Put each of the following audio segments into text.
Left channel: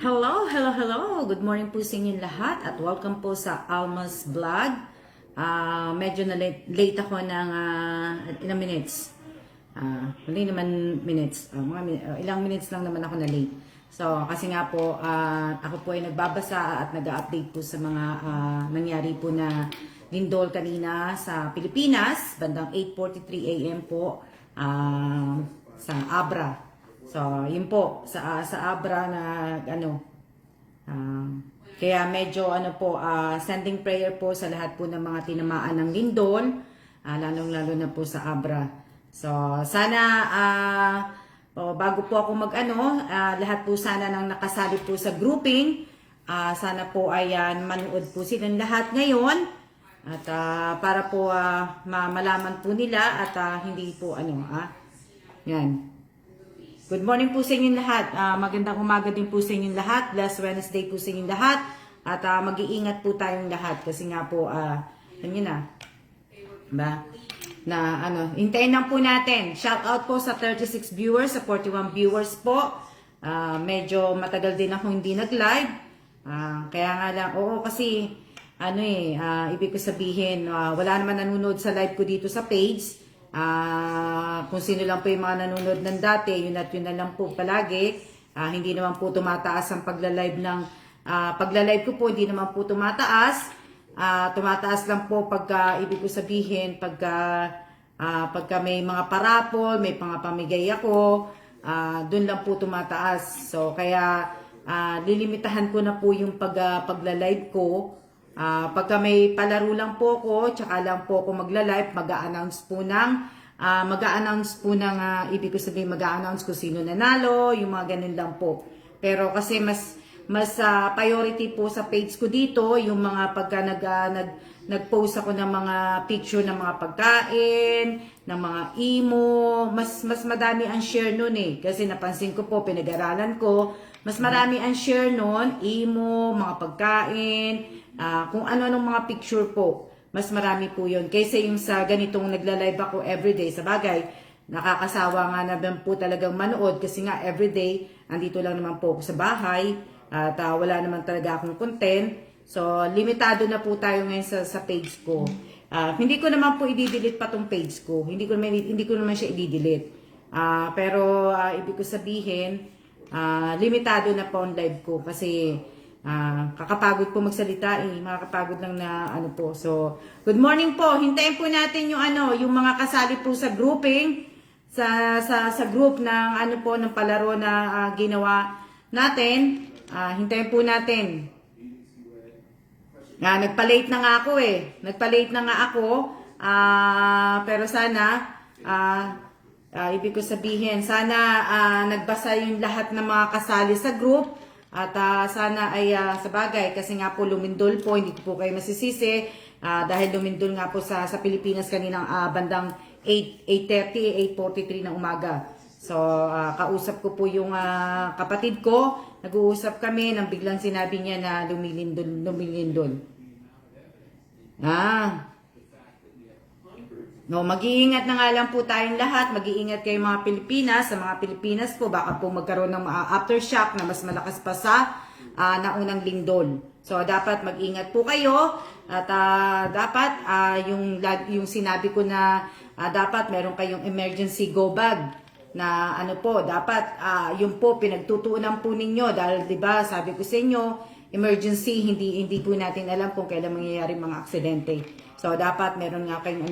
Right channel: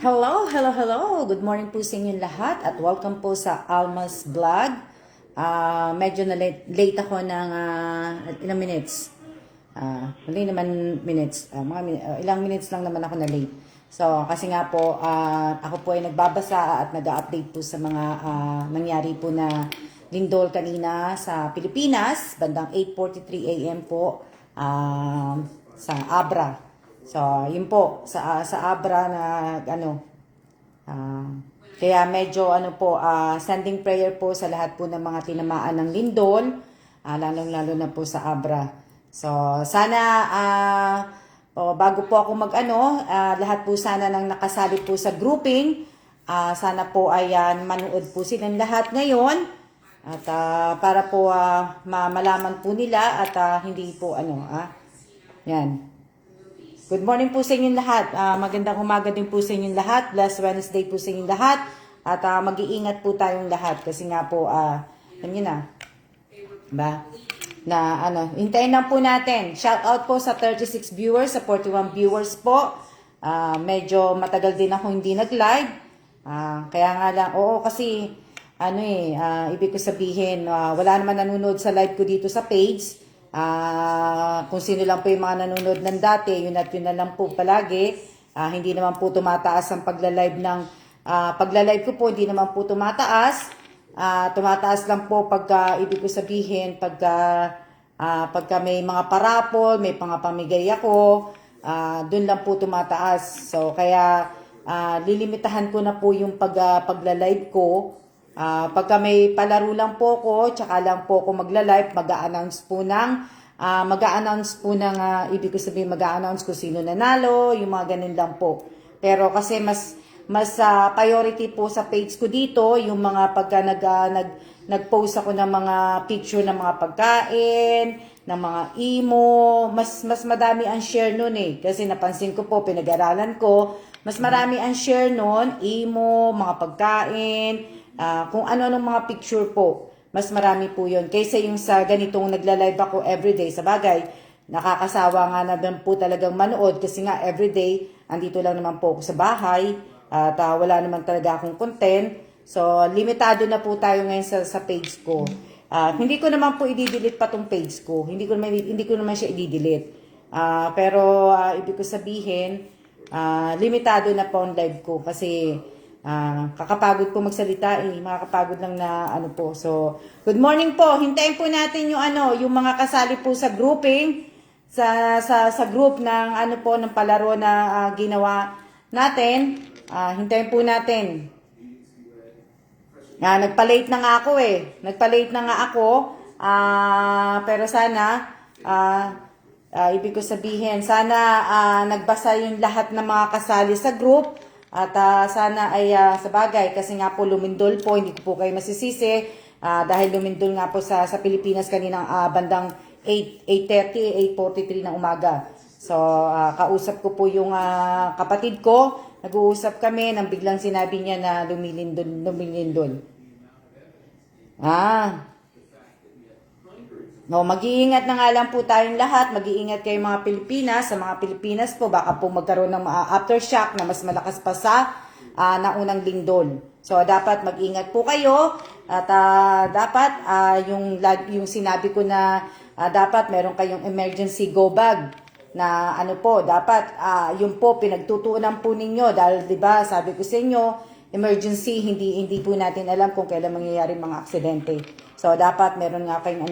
Hello, hello, hello! Good morning po sa inyong lahat at welcome po sa Alma's Vlog. Medyo na late ako ng ilang minutes. Hindi naman minutes. Ilang minutes lang naman ako na late. So, kasi nga po, ako po ay nagbabasa at nag-update po sa mga nangyari po na lindol kanina sa Pilipinas, bandang 8:43 AM po sa Abra. So, yun po, sa Abra na, kaya medyo, sending prayer po sa lahat po ng mga tinamaan ng lindol, lalong-lalo na po sa Abra. So, sana, bago po ako lahat po sana nang nakasali po sa grouping, sana po ay manood po silang lahat ngayon, at para po malaman po nila at hindi po yan. Good morning po sa inyong lahat. Magandang umaga din po sa inyong lahat. Blessed Wednesday po sa inyong lahat. At mag-iingat po tayong lahat. Kasi nga po, alam nyo na. Ba? Hintayin lang po natin. Shout out po sa 36 viewers, sa 41 viewers po. Medyo matagal din ako hindi nag-live. Kaya nga lang, kasi, ibig ko sabihin, wala naman nanonood sa live ko dito sa page. Kung sino lang po yung mga nanonood ng dati, yun at yun na lang po palagi. Hindi naman po tumataas ang pagla-live pagla-live ko po, hindi naman po tumataas. Tumataas lang po pagka, ibig ko sabihin, pagka may mga parapol, may mga pamigay ako, dun lang po tumataas. So, kaya lilimitahan ko na po yung pagla-live ko. Pagka may palaro lang po ko, tsaka lang po ako magla-live, mag-a-announce po ng, ibig ko sabihin, mag-a-announce ko sino nanalo, yung mga ganun lang po. Pero kasi mas priority po sa page ko dito, yung mga pagka nag-post ako ng mga picture ng mga pagkain, ng mga imo, mas madami ang share nun Kasi napansin ko po, pinag-aralan ko, mas marami ang share nun, imo, mga pagkain, kung ano-anong mga picture po, mas marami po yun. Kaysa yung sa ganitong nagla-live ako everyday, sa bagay, nakakasawa nga na po talagang manood kasi nga everyday, andito lang naman po ako sa bahay at wala naman talaga akong content. So, limitado na po tayo ngayon sa page ko. Hindi ko naman po i-delete pa tong page ko. Hindi ko naman siya i-delete. Pero, ibig ko sabihin, limitado na po ang live ko kasi kakapagod po magsalita makakapagod lang na po. So, good morning po. Hintayin po natin yung mga kasali po sa grouping sa group ng ng palaro na ginawa natin. Hintayin po natin. Nagpa-late na nga ako pero sana ibig ko sabihin, sana nagbasa yung lahat ng mga kasali sa group. At sana ay sa bagay, kasi nga po lumindol po, hindi ko po kayo masisisi dahil lumindol nga po sa Pilipinas kaninang bandang 8:43 ng umaga. So, kausap ko po yung kapatid ko, nag-uusap kami nang biglang sinabi niya na lumilindol. No, mag-iingat na nga lang po tayong lahat. Mag-iingat kayo mga Pilipinas. Sa mga Pilipinas po, baka po magkaroon ng aftershock na mas malakas pa sa naunang lindol. So, dapat mag-ingat po kayo. At dapat, yung sinabi ko na dapat meron kayong emergency go bag. Na dapat yung po pinagtutuunan po ninyo. Dahil, di ba, sabi ko sa inyo, emergency, hindi po natin alam kung kailan mangyayari mga aksidente. So, dapat meron nga kayong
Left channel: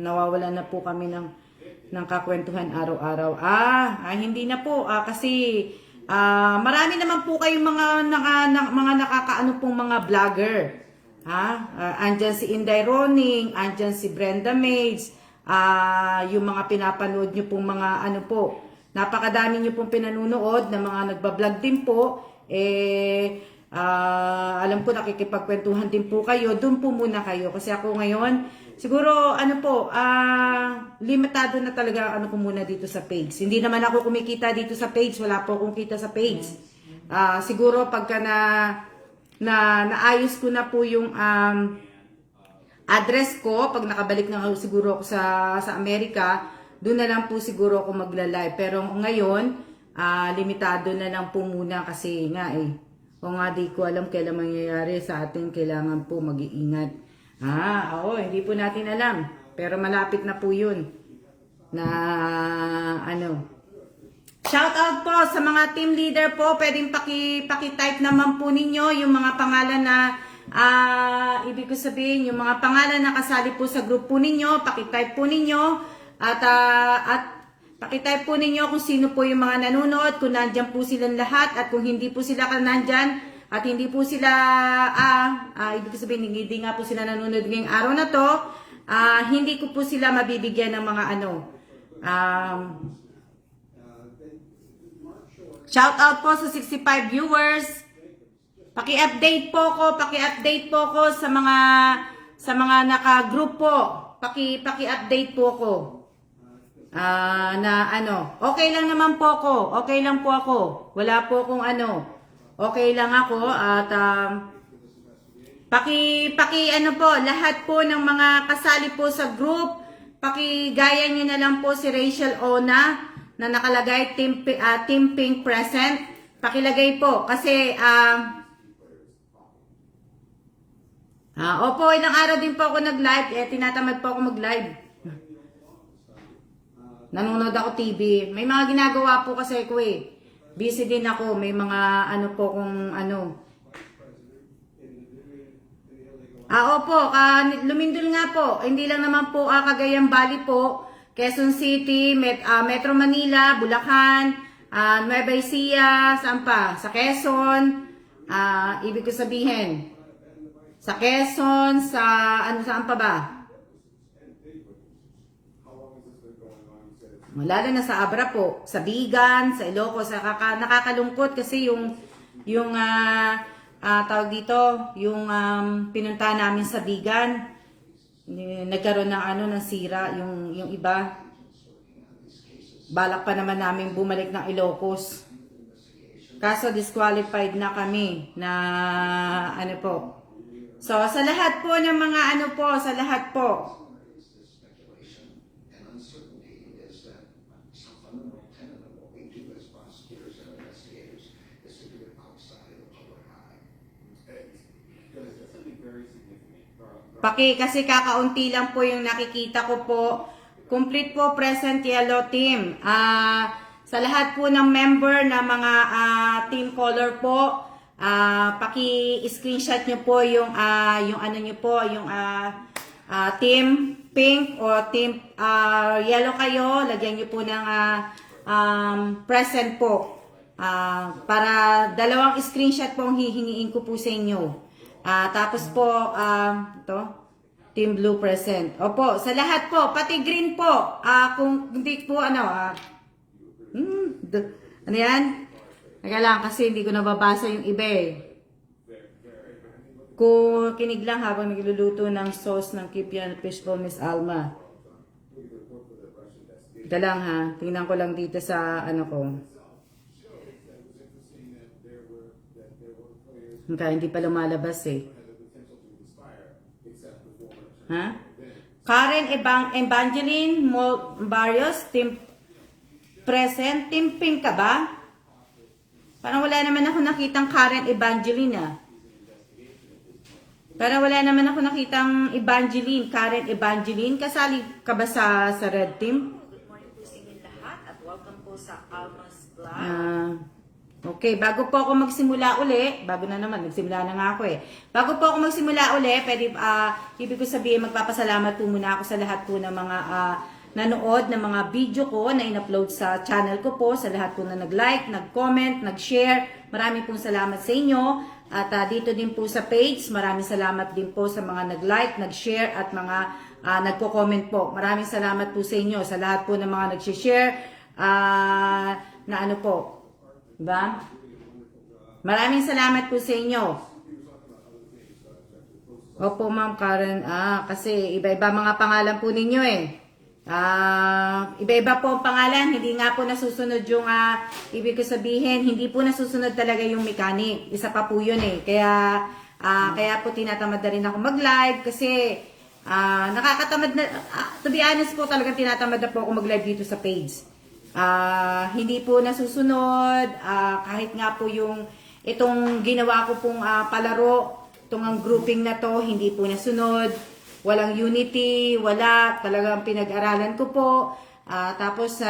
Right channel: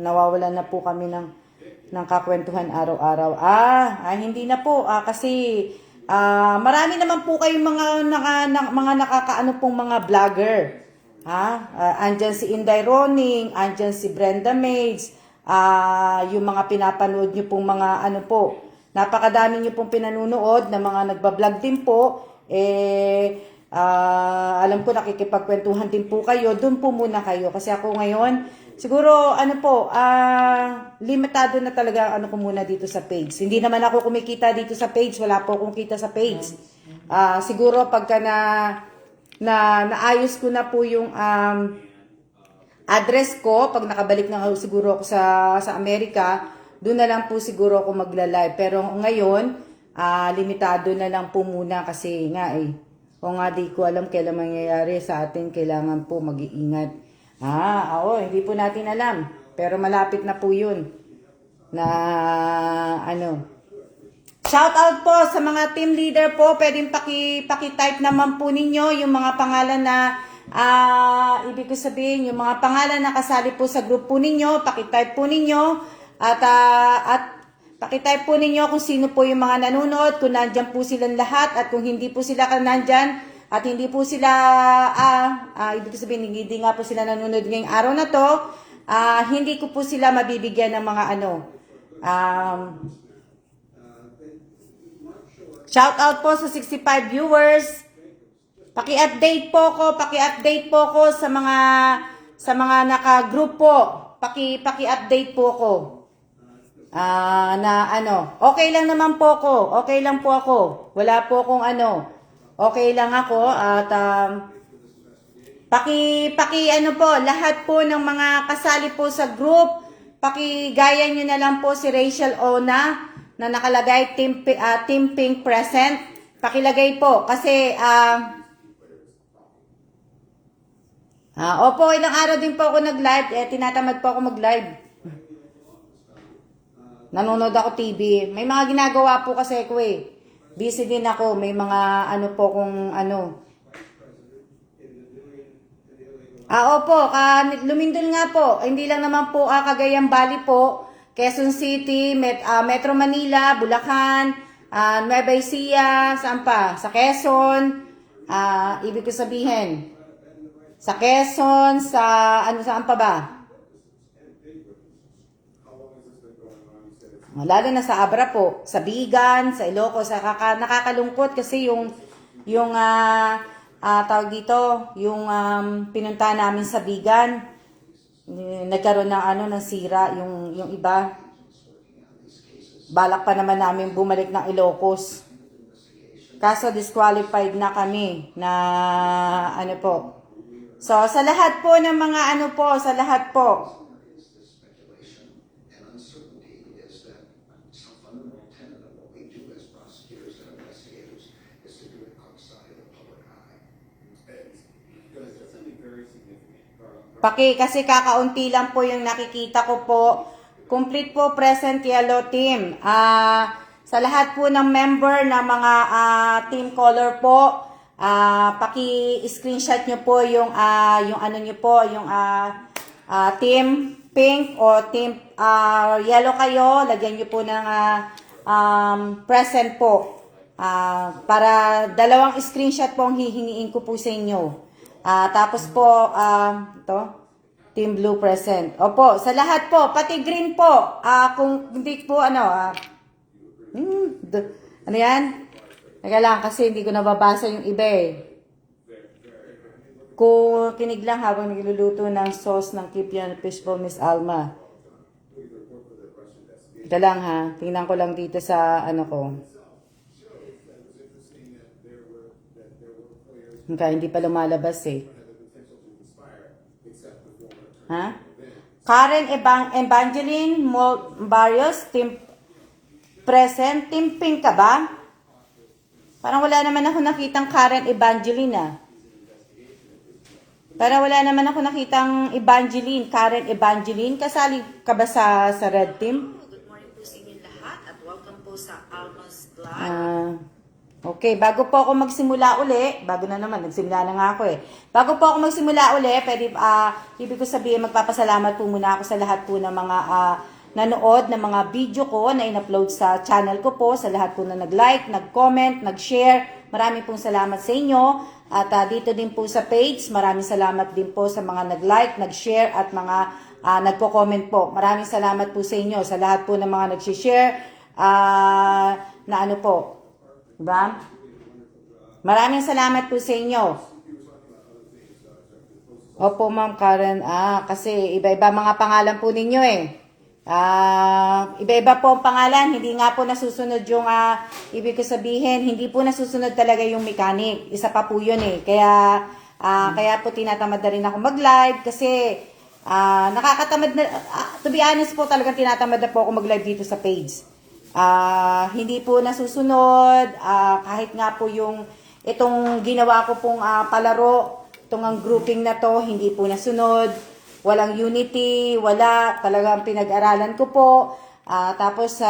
nawawalan na po kami ng kakwentuhan araw-araw. Hindi na po. Kasi, marami naman po kayong mga nakakaano pong mga vlogger. Andyan si Inday Roning, andyan si Brenda Maids, yung mga pinapanood nyo pong mga napakadami nyo pong pinanunood na mga nagbablog din po. Alam ko nakikipagkwentuhan din po kayo, doon po muna kayo kasi ako ngayon siguro limitado na talaga ko muna dito sa page. Hindi naman ako kumikita dito sa page, wala po akong kita sa page. Siguro pagka naayos ko na po yung address ko, pag nakabalik na siguro ako sa Amerika, doon na lang po siguro ako magla-live. Pero ngayon limitado na lang po muna kasi nga o nga di ko alam kailan mangyayari sa atin, kailangan po mag-iingat. Oo, hindi po natin alam. Pero malapit na po yun. Na shout out po sa mga team leader po. Pwedeng paki-type naman po ninyo yung mga pangalan na ibig ko sabihin, yung mga pangalan na kasali po sa group po ninyo. Paki-type po ninyo. At paki-type po ninyo kung sino po yung mga nanonood, kung nandyan po silang lahat, at kung hindi po sila nandyan, at hindi po sila, ibig sabihin, hindi nga po sila nanonood ngayong araw na to, hindi ko po sila mabibigyan ng mga shout out po sa 65 viewers. Paki-update po ko sa mga naka-group po. Paki-update po ko. Okay lang naman po ako. Okay lang po ako. Wala po akong okay lang ako at lahat po ng mga kasali po sa group, pakigaya nyo na lang po si Rachel Ona na nakalagay Team Pink present. Pakilagay po kasi opo, ilang araw din po ako nag-live, tinatamad po ako mag-live. Nanonood ako TV. May mga ginagawa po kasi ko Busy din ako. May mga po kung opo. Lumindol nga po. Hindi lang naman po Cagayan Valley po. Quezon City, Metro Manila, Bulacan, Nueva Ecija, saan pa? Sa Quezon. Ibig ko sabihin. Sa Quezon, saan pa ba? Lalo na sa Abra po, sa Bigan, sa Ilocos, nakakalungkot kasi yung tawag dito, yung pinunta namin sa Bigan, nagkaroon ng ng sira yung iba. Balak pa naman namin bumalik ng Ilocos. Kaso disqualified na kami na po. So sa lahat po ng mga sa lahat po. Kasi kakaunti lang po yung nakikita ko po. Complete po present yellow team. Sa lahat po ng member na mga team color po, paki-screenshot nyo po yung nyo po, yung team pink o team yellow kayo. Lagyan nyo po ng present po. Para dalawang screenshot po ang hihingiin ko po sa inyo. Tapos po, Team Blue present. Opo, sa lahat po, pati green po. Kung hindi po, yan? Teka lang, kasi hindi ko nababasa yung iba Kung kinig lang habang nagluluto ng sauce ng Kipian Fishbowl, Miss Alma. Teka lang ha, tingnan ko lang dito sa ko. Hindi pa lumalabas Karen Evangeline Barrios, team present. Team pink ka ba? Parang wala naman ako nakitang Karen Evangeline Parang wala naman ako nakitang Karen Evangeline. Kasali ka ba sa red team? Good morning po sa inyo lahat at welcome po sa Alma's Vlog. Okay, bago po ako magsimula uli, bago na naman, nagsimula na nga ako Bago po ako magsimula uli, ibig ko sabihin, magpapasalamat po muna ako sa lahat po ng mga nanood ng mga video ko na in-upload sa channel ko po, sa lahat po na nag-like, nag-comment, nag-share. Maraming pong salamat sa inyo. At dito din po sa page, maraming salamat din po sa mga nag-like, nag-share at mga nagko-comment po. Maraming salamat po sa inyo, sa lahat po ng mga nag-share na po. Diba? Maraming salamat po sa inyo. Opo, Ma'am Karen. Kasi iba-iba mga pangalan po ninyo Iba-iba po ang pangalan. Hindi nga po nasusunod yung, ibig ko sabihin, hindi po nasusunod talaga yung mechanic. Isa pa po yun kaya po tinatamad na rin ako mag-live kasi nakakatamad na, to be honest po talagang tinatamad na po ako mag-live dito sa page. hindi po nasusunod, kahit nga po itong ginawa ko pong palaro, itong ang grouping na to, hindi po nasunod, walang unity, wala, talagang pinag-aralan ko po. Tapos,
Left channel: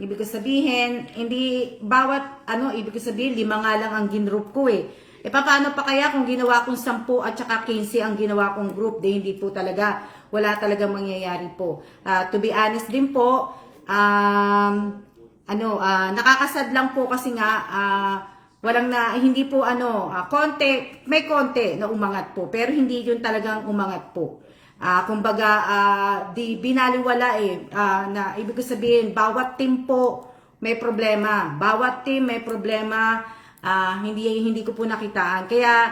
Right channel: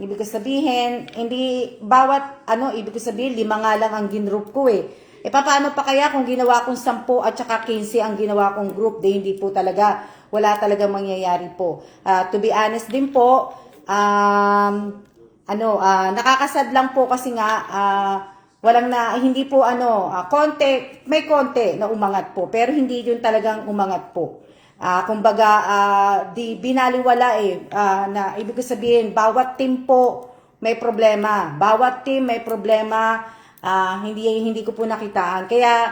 ibig ko sabihin, hindi, ibig ko sabihin, 5 nga lang ang ginroup ko eh. Paano pa kaya kung ginawa kong 10 at saka 15 ang ginawa kong group, hindi po talaga, wala talaga mangyayari po. To be honest din po, nakakasad lang po kasi nga, hindi po may konti na umangat po, pero hindi yun talagang umangat po. Kumbaga, di binaliwala na ibig ko sabihin, bawat team po may problema. Bawat team may problema, hindi ko po nakitaan. Kaya,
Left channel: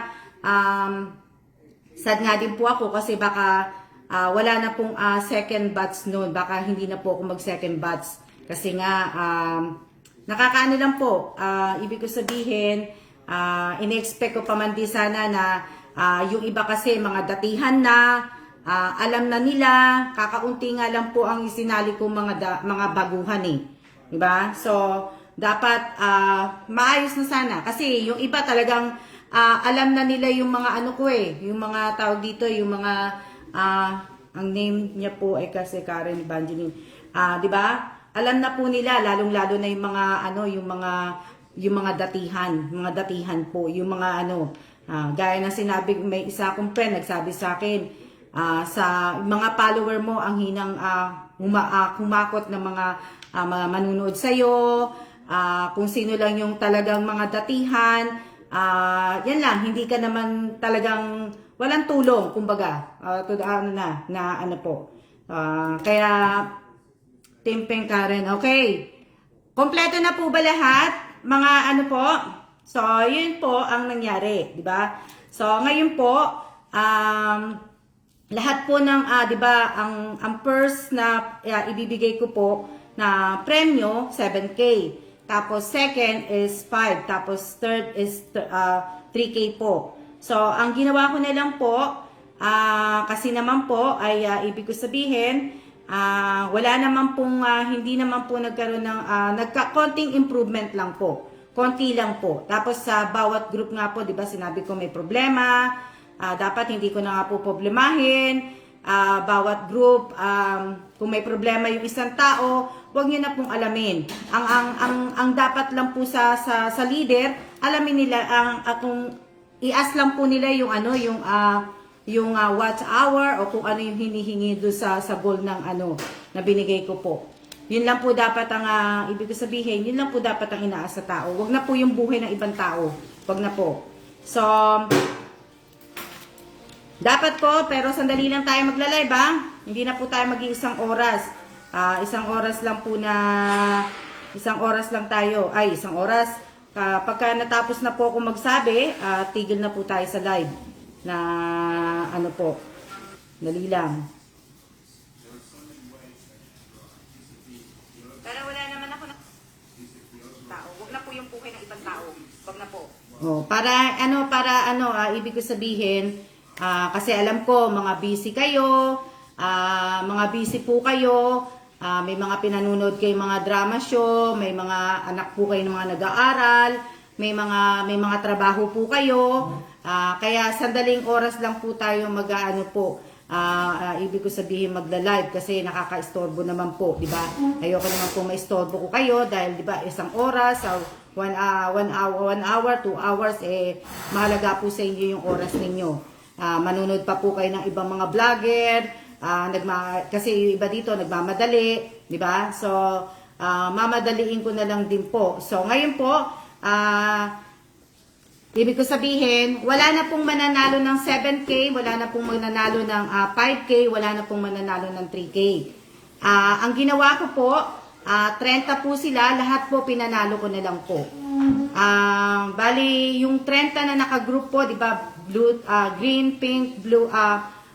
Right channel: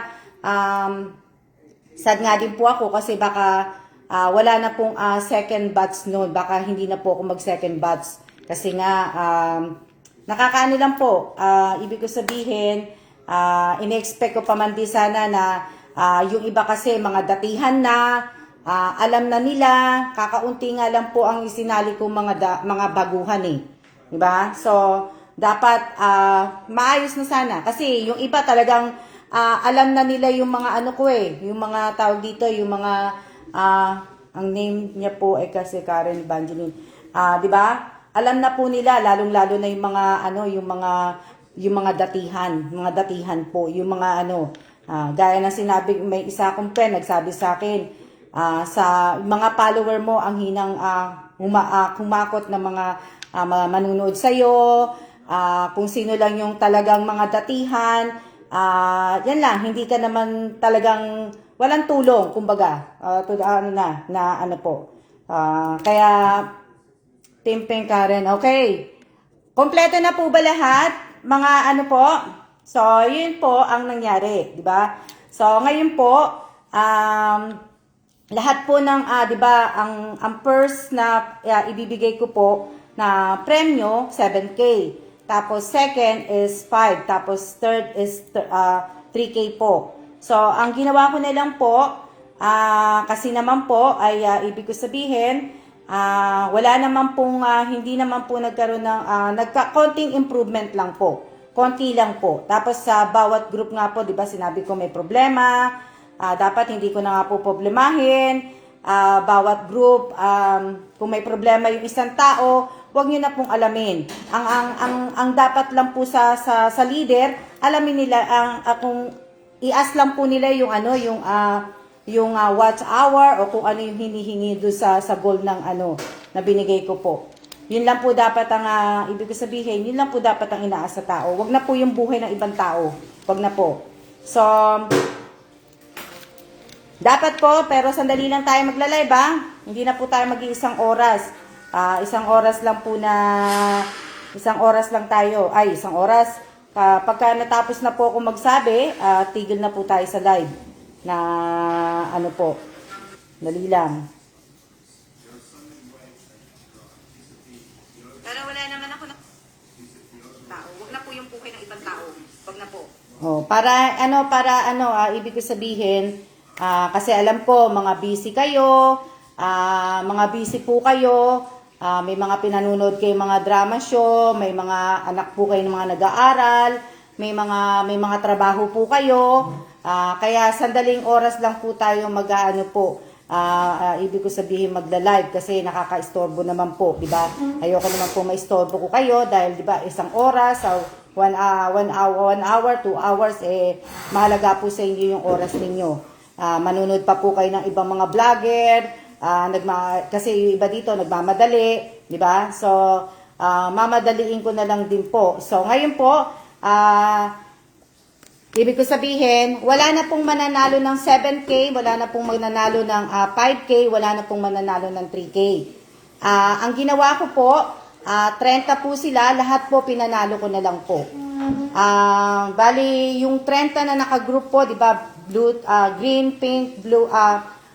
sad nga din po ako kasi baka wala na pong second batch noon. Baka hindi na po ako mag second batch. Kasi nga, nakakaano lang po. Ibig ko sabihin, in-expect ko pa man di sana na yung iba kasi mga datihan na, alam na nila, kakaunti nga lang po ang isinali kong mga baguhan eh. Diba? So, dapat maayos na sana. Kasi yung iba talagang alam na nila yung mga yung mga tawag dito, yung mga, ang name niya po kasi Karen Evangeline. Diba? Alam na po nila, lalong-lalo na yung mga, yung mga datihan po, yung mga gaya na sinabi, may isa akong friend, nagsabi sa akin, sa mga follower mo ang hinang kumakot na mga manunood sa'yo, kung sino lang yung talagang mga datihan, yan lang, hindi ka naman talagang walang tulong, kumbaga, kaya, Team Pink Karen, okay, kompleto na po ba lahat? Mga po? So, yun po ang nangyari, di ba? So, ngayon po, lahat po ng, di ba, ang first na ibibigay ko po na premyo, 7K. Tapos second is 5. Tapos third is 3K po. So, ang ginawa ko na lang po, kasi naman po, ay ibig ko sabihin, wala naman pong, hindi naman po nagkaroon ng, konting improvement lang po. Konti lang po. Tapos sa bawat group nga po, di ba, sinabi ko may problema, dapat hindi ko na nga po problemahin. Bawat group, kung may problema yung isang tao, huwag niyo na pong alamin. Ang dapat lang po sa leader, alamin nila kung i-ask lang po nila yung yung watch hour o kung ano yung hinihingi doon sa goal ng na binigay ko po. Yun lang po dapat ang ibig ko sabihin, yun lang po dapat ang inaas sa tao. Huwag na po yung buhay ng ibang tao. Huwag na po. So, dapat po, pero sandali lang tayo magla-live Hindi na po tayo mag-iisang oras. Isang oras lang po isang oras lang tayo. Isang oras. Pagka natapos na po ako magsabi, tigil na po tayo sa live. Na po. Dali lang. Pero wala naman ako na tao. Huwag na po yung buhay ng ibang tao. Huwag na po. Ibig ko sabihin, kasi alam ko, mga busy kayo, mga busy po kayo, may mga pinanunod kayo mga drama show, may mga anak po kayo ng mga nag-aaral, may mga trabaho po kayo, kaya sandaling oras lang po tayo ibig ko sabihin magla-live kasi nakaka-istorbo naman po, di ba? Ayoko naman po maistorbo ko kayo dahil di ba isang oras, 1 hour, 2 hours, mahalaga po sa inyo yung oras ninyo. Manunod pa po kayo ng ibang mga vlogger, kasi yung iba dito nagmamadali, di ba? So, mamadaliin ko na lang din po. So, ngayon po, ibig ko sabihin, wala na pong mananalo ng 7K, wala na pong mananalo ng 5K, wala na pong mananalo ng 3K. Ang ginawa ko po, 30 po sila, lahat po pinanalo ko na lang po. Bali, yung 30 na naka-group po, di ba, blue, green, pink, blue,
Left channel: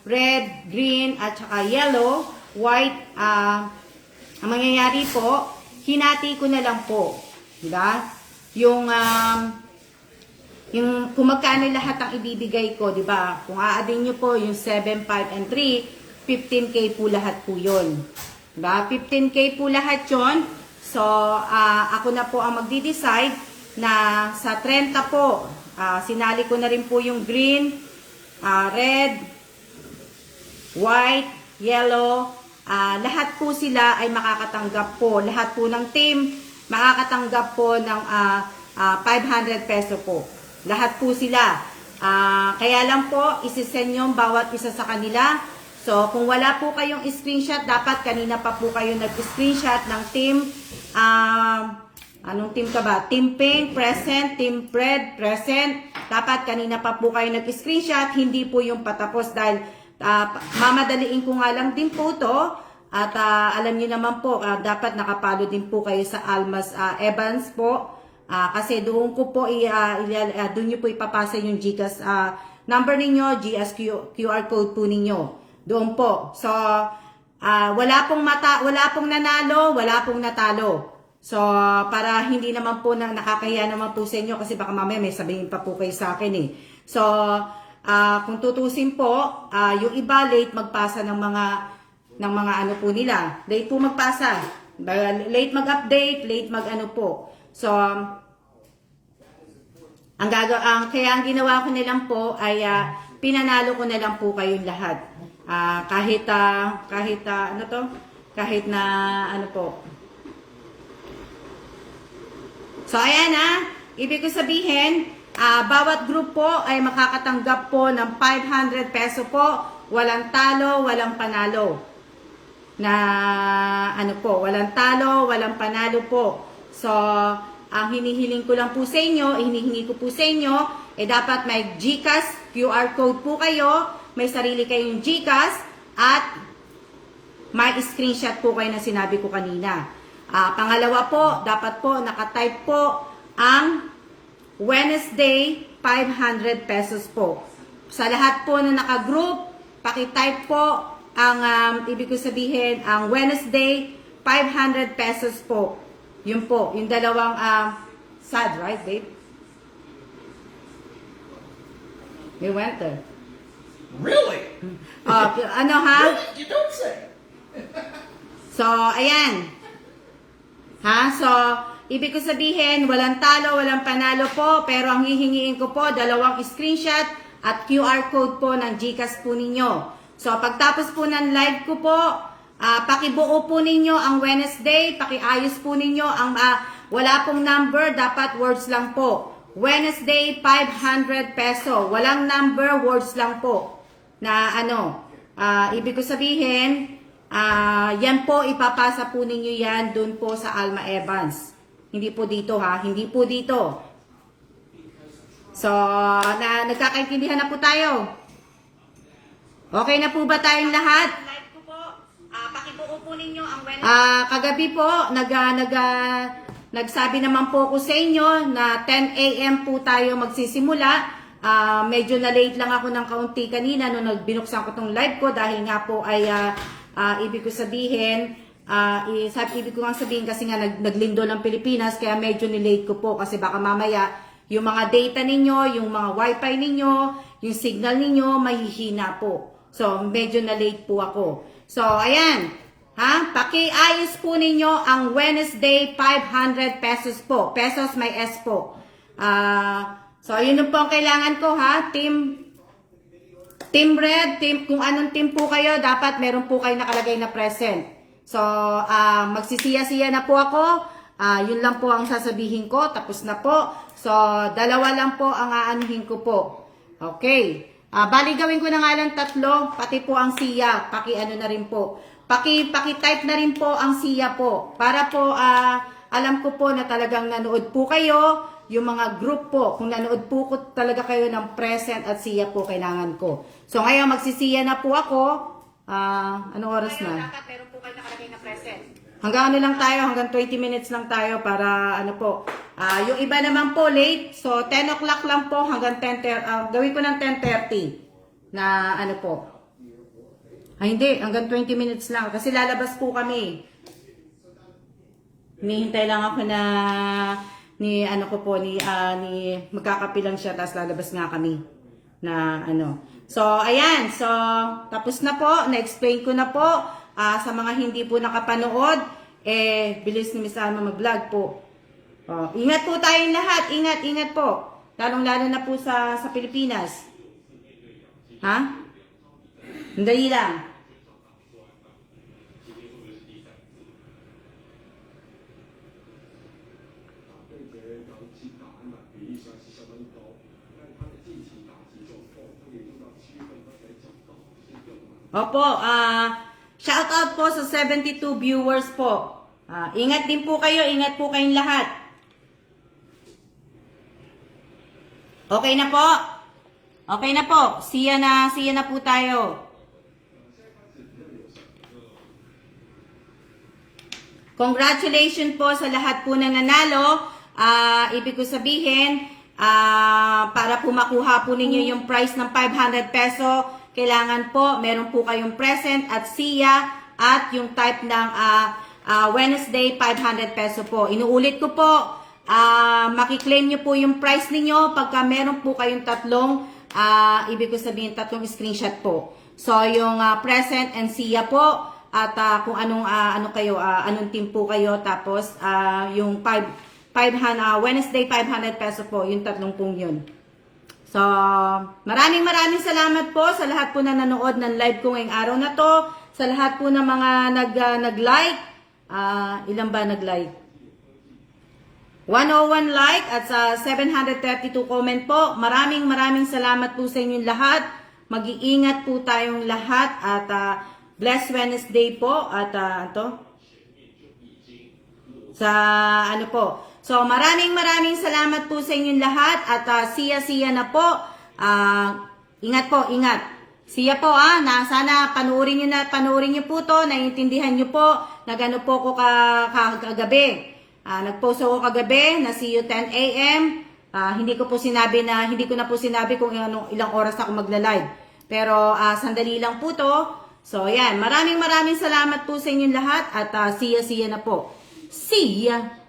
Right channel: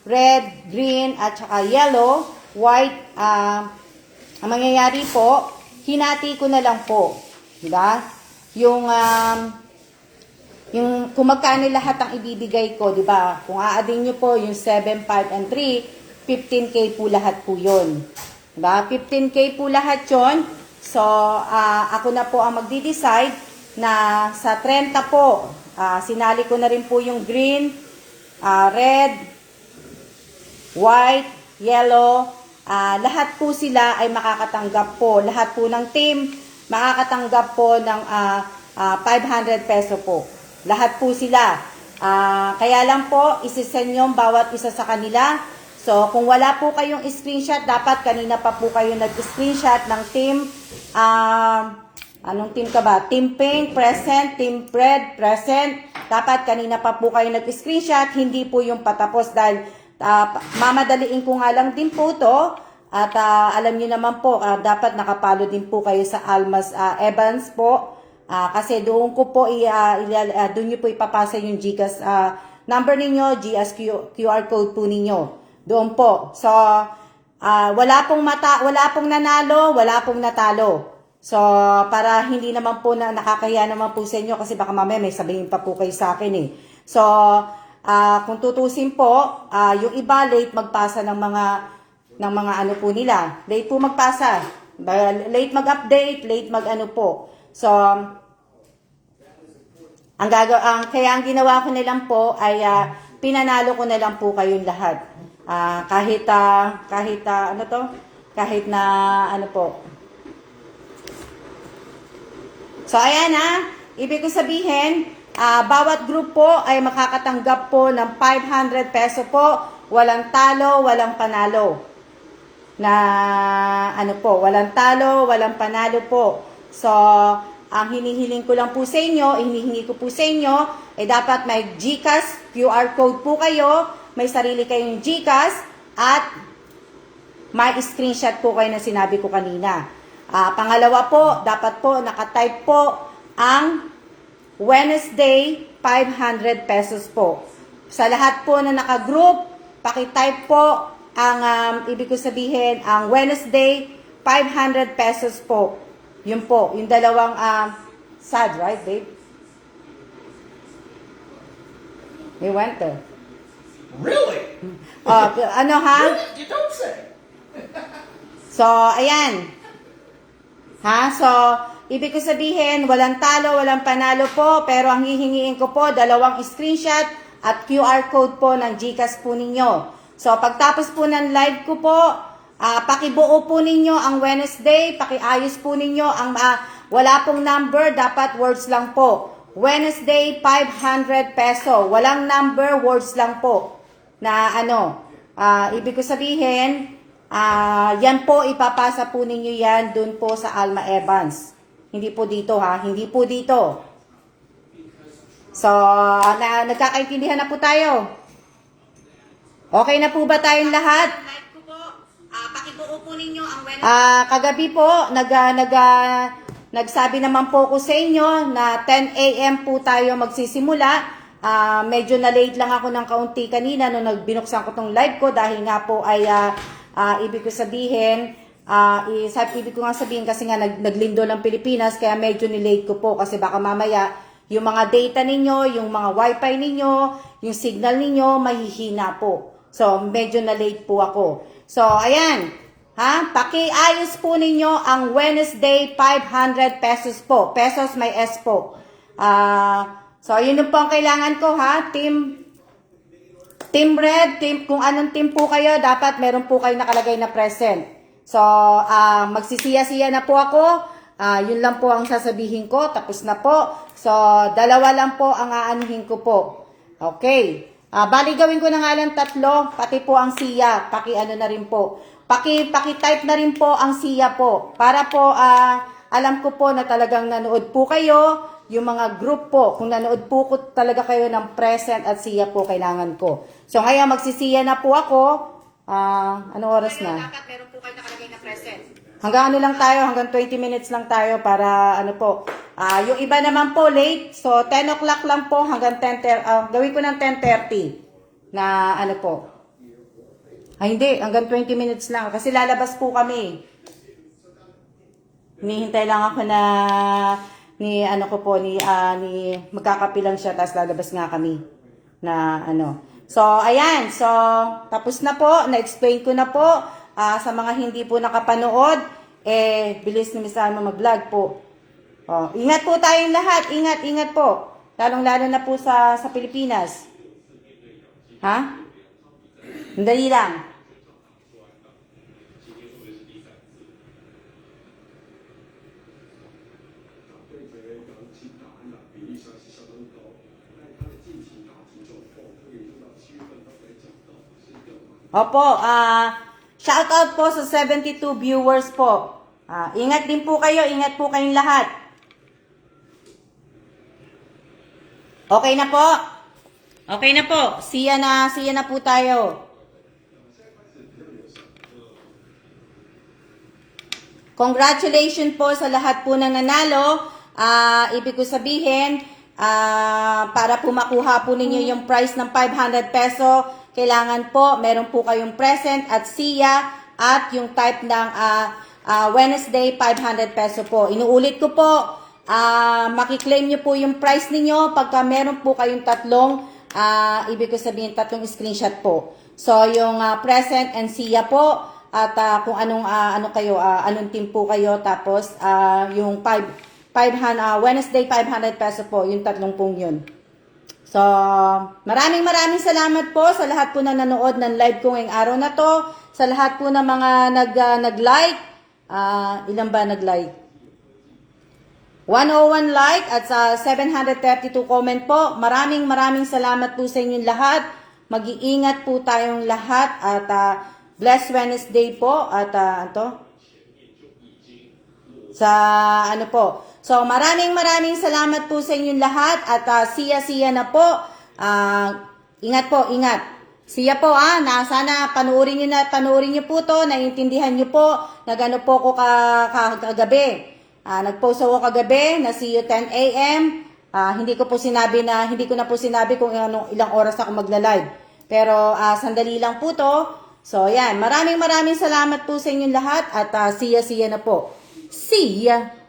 red, green, at saka yellow, white, ang mangyayari po, hinati ko na lang po. Di ba? Yung kung magkano lahat ang ibibigay ko, di ba? Kung aadin nyo po yung 7, 5, and 3, 15K po lahat po yun. Diba? 15K po lahat yun. So, ako na po ang magdi-decide na sa 30 po, sinali ko na rin po yung green, red, white, yellow. Lahat po sila ay makakatanggap po. Lahat po ng team makakatanggap po ng 500 peso po. Lahat po sila. Kaya lang po, isisend nyo bawat isa sa kanila. So, kung wala po kayong screenshot, dapat kanina pa po kayo nag-screenshot ng team. Anong team ka ba? Team Pink, present. Team Red, present. Dapat kanina pa po kayo nag-screenshot. Hindi po yung patapos dahil mamadaliin ko nga lang din po to. At alam niyo naman po, dapat nakapalo din po kayo sa Almas Evans po. Kasi doon ko po, doon nyo po ipapasa yung GCash number ninyo, GS QR code po ninyo. Doon po. So, wala pong nanalo, wala pong natalo. So, para hindi naman po nakakahiya naman po sa inyo kasi baka mamaya may sabihin pa po kayo sa akin eh. So, kung tutusin po, yung iba late magpasa ng mga ano po nila. Late po magpasa. Late mag-update, late mag-ano po. So, kaya ang ginawa ko na lang po ay pinanalo ko na lang po kayong lahat. Kahit na ano po. So, ayan ibig ko sabihin, bawat group po ay makakatanggap po ng 500 peso po. Walang talo, walang panalo. Walang talo, walang panalo po. So, ang hinihiling ko lang po sa inyo, hinihingi ko po sa inyo, dapat may GCash, QR code po kayo, may sarili kayong GCash, at may screenshot po kayo na sinabi ko kanina. Pangalawa po, dapat po nakatype po ang Wednesday 500 pesos po. Sa lahat po na naka-group, pakitype po ang ibig ko sabihin, ang Wednesday 500 pesos po. Yun po, yung dalawang sad, right, babe? We went there. Really? Ano ha? Really? You don't say. So, ayan. So, ibig ko sabihin, walang talo, walang panalo po, pero ang hihingiin ko po, dalawang screenshot at QR code po ng GCash po ninyo. So, pagtapos po ng live ko po, pakibuo po ninyo ang Wednesday, pakiayos po ninyo ang wala pong number, dapat words lang po. Wednesday, 500 peso. Walang number, words lang po. Na ibig ko sabihin, yan po, ipapasa po ninyo yan dun po sa Alma Evans. Hindi po dito hindi po dito. So, nagkakaintindihan na po tayo. Okay na po ba tayong lahat? Pakibuo po ninyo ang kagabi po, nagsabi naman po ko sa inyo na 10 AM po tayo magsisimula. Medyo na late lang ako ng kaunti kanina nung binuksan ko tong live ko dahil nga po ay ibig ko sabihin, ibig ko nga sabihin kasi nga naglindo ng Pilipinas kaya medyo ni-late ko po kasi baka mamaya yung mga data ninyo, yung mga wifi ninyo, yung signal ninyo mahihina po. So, medyo na late po ako. So, ayan. Pakiayos po ninyo ang Wednesday 500 pesos po. Pesos may S po. So, yun yung po ang kailangan ko Team Red, kung anong team po kayo, dapat meron po kayo nakalagay na present. So, magsisiya-siya na po ako. Yun lang po ang sasabihin ko. Tapos na po. So, dalawa lang po ang aanuhin ko po. Okay. Bali gawin ko na nga lang 3, pati po ang siya. Paki-ano na rin po. Paki-type na rin po ang siya po. Para po, alam ko po na talagang nanood po kayo. Yung mga group po, kung nanood po talaga kayo ng present at siya po kailangan ko. So ngayon magsisiya na po ako. Anong oras na? Dapat meron po kayo nakalagay na present. Hanggang ano lang tayo, hanggang 20 minutes lang tayo para ano po. Yung iba naman po late, so 10 o'clock lang po hanggang 10, gawin ko ng 10:30 na ano po. Hindi, hanggang 20 minutes lang kasi lalabas po kami. Hinihintay lang ako na ni magkakapilang siya tapos lalabas nga kami na ano. So ayan, so tapos na po, na-explain ko na po sa mga hindi po nakapanood, bilis ni Miss Alma mag-vlog po. Ingat po tayong lahat. Ingat po. Lalong-lalo na po sa Pilipinas. Ha? Dali lang. Opo, shout out po sa 72 viewers po. Ingat din po kayo, ingat po kayong lahat. Okay na po? Okay na po. Siya na po tayo. Congratulations po sa lahat po na nanalo. Ibig ko sabihin, para po makuha po ninyo yung price ng 500 peso, kailangan po, meron po kayong present at siya at yung type ng Wednesday 500 peso po. Inuulit ko po, makiklaim nyo po yung price ninyo pagka meron po kayong tatlong, ibig ko sabihin tatlong screenshot po. So yung present and siya po at kung anong anong team po kayo, tapos yung Wednesday 500 peso po, yung tatlong pong yun. So, maraming salamat po sa lahat po na nanood ng live ko ngayong araw na to. Sa lahat po ng mga nag-like. Ilan ba nag-like? 101 like at sa 732 comment po. Maraming salamat po sa inyong lahat. Mag-iingat po tayong lahat at blessed Wednesday po at So, maraming salamat po sa inyong lahat at siya na po. Ingat po, ingat. Siya po, sana panuorin niyo po to, naiintindihan niyo po, nagano po ko kagabi. Nag-post ako kagabi na see you 10 a.m. Hindi ko na po sinabi kung ilang oras ako magla-live. Pero sandali lang po to. So, yan. Maraming salamat po sa inyong lahat at siya na po. See ya!